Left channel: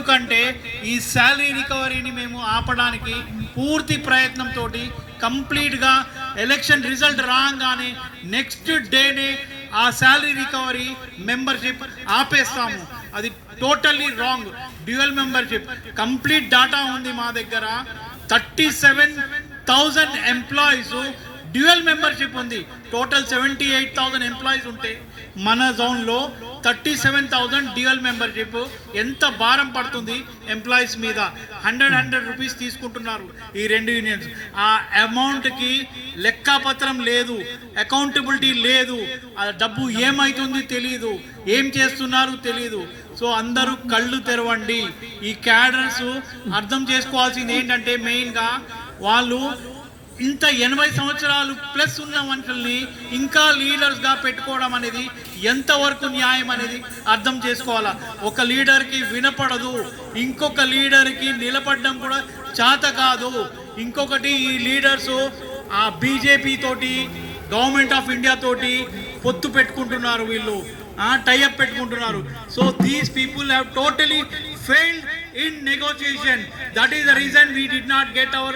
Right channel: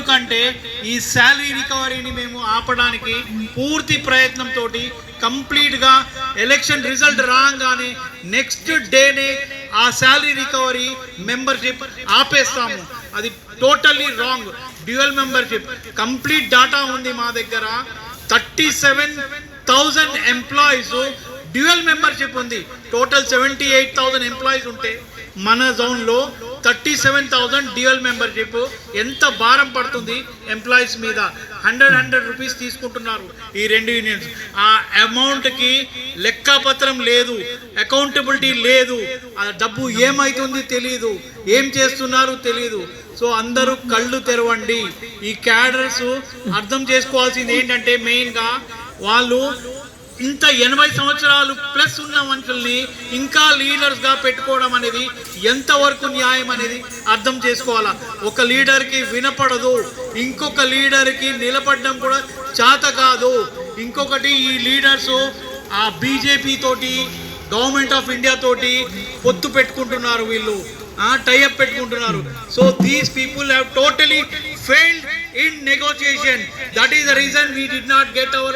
ఎందుకంటే ఈ శాలరీ రికవరీని మేము ఆపడానికి పూర్తి ప్రయత్నంతో కంప్లీట్గా ఎలక్షన్ రిజల్ట్ రాగానే నెక్స్ట్ డేనే ఆ శాలరీ రికవరీ మెంబర్షిప్ ఆపేస్తాము. అది totally wrong. Dual membership complete data ఉంది మా దగ్గర. 37,000 ఎంప్లాయీస్ డ్యూయల్ మెంబర్షిప్ ఉంది. టోటల్ 78,000 ఎంప్లాయీస్ ఉంటే మన జోన్లో 37,000 డ్యూయల్ మెంబర్షిప్. ఎంత భారం పడుతుంది ఎంప్లాయీస్ మీద. 100 రూపీస్ తీసుకుంటున్నారు ఈ రెండు యూనియన్స్. ఆ అమౌంట్కి లెక్కపత్రం లేదు, అకౌంటబిలిటీ లేదు. ఆ డబ్బు ఏమవుతుంది తెలియదు, ఏం చేస్తున్నారు తెలియదు. సో అందరూ కళ్ళు తెరవండి. ఈ క్యాడర్స్ అర్థం చేసుకోవాల్సింది ఏంటంటే మెయిన్గా వాళ్ళు ఇంత 80 సంవత్సరాలు ప్లస్ ఉన్న మనుషుల్ని ఇంకా లీడర్స్గా పెట్టుకోవడం అనేది ఎంతవరకు న్యాయం అనేది అర్థం చేసుకోవాలా. ఒక లీడర్కి వినపడదు, ఇంకొక లీడర్కి నిలబడడం కూడా చేత కాదు. ఇంకొకటి ఈ లీడర్స్ ఆ బీజేపీ తోటి, గవర్నమెంట్ ఆఫ్ ఇండియా తోటి పొత్తు పెట్టుకుంటున్నారు, వీళ్ళు టైఅప్ పెట్టుకుంటున్నారు. So these people have totally failed in negotiation. That is the reason we did not get our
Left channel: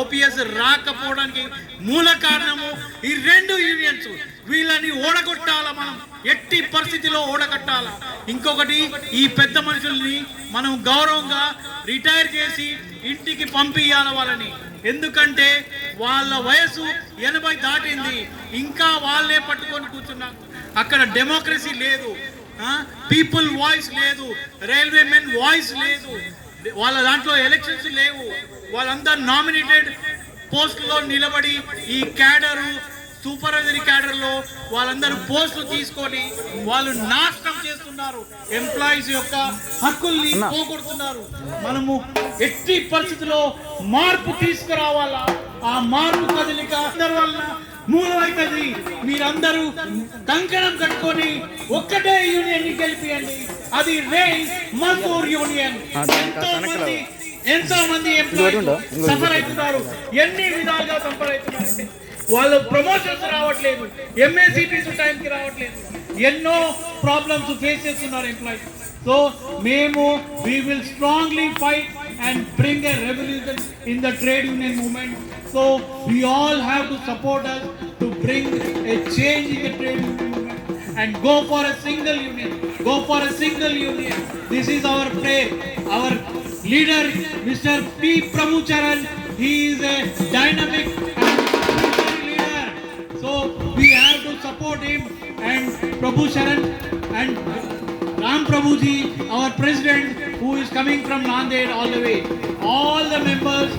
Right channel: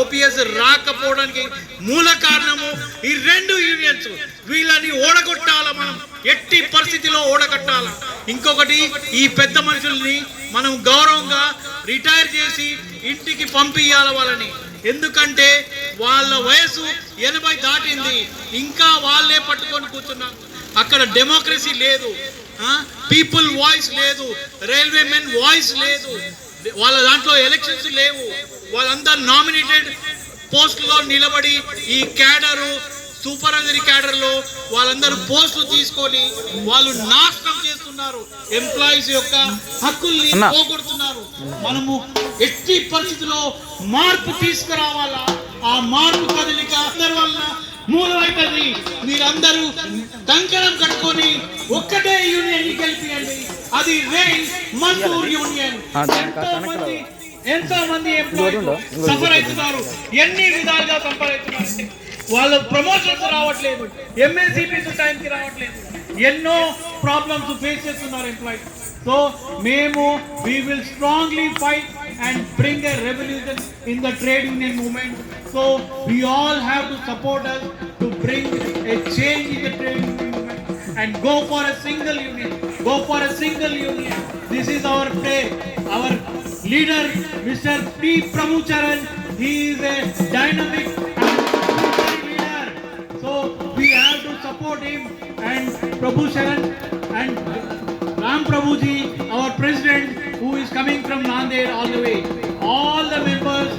OPS రాకపోవడానికి మూల కారణము ఈ రెండు యూనియన్స్. వీళ్ళని ఓడగొట్టాల, మనం ఎట్టి పరిస్థితిలో ఓడగొట్టాల. ఇంకొకటి ఈ పెద్ద మనుషుల్ని మనం గౌరవంగా రిటైర్ చేసి ఇంటికి పంపియాల వాళ్ళని. ఎందుకంటే వాళ్ళ వయసు 80 దాటింది, ఇంకా వాళ్ళే పట్టుకొని కూర్చున్నాం. అక్కడ డెమోక్రసీ లేదు, పీపుల్ వాయిస్ లేదు, రైల్వే మెన్ వాయిస్ లేదు, వాళ్ళ దాంట్లో ఎలక్షన్స్ లేవు. వాళ్ళందరూ నామినేటెడ్ పోస్టులో నిలబడి ఈ క్యాడరు సూపర్వైజరీ క్యాడర్లో వాళ్ళందరూ పోస్టులు తీసుకొని వాళ్ళు నాశనం చేస్తున్నారు, ఎంప్లాయీస్ యొక్క హక్కుల్ని పోగొడుతున్నారు. మనము ఎట్టి పరిస్థితిలో మార్పు తీసుకురావాలా. ఆ మార్పు కదలిక అందరి వల్ల మూలమైతుంది. మీరందరూ కంకణం కట్టుకొని ఒక్కటే యూనియన్ గెలిపియండి. అది రేల్ మజదూర్ యూనియన్. ఎంతో మంది ఎంప్లాయీస్ సఫర్ అవుతున్నారు, ఎన్ని విధాలుగా సఫర్ అవుతున్నారు. వాళ్ళు ప్రమోషన్స్ రావట్లేదు, ఎంఎస్సిపీస్ టైంకి రావట్లేదు, ఎన్నో ప్రాబ్లమ్స్ ఫేస్ చేస్తున్నారు ఎంప్లాయీస్. సో మేము we will strongly fight and bring a revolution in the trade union movement. So we all have to support us to bring a change in the trade union movement and go for a single union. Go for a single union. This is our play. Our leader, Mr. P. Prabhucharan, he is a dynamic leader. So we have to support him, and Prabhucharan and Ram Prabhuji, our president, who is coming from Nanded all the way. All the members.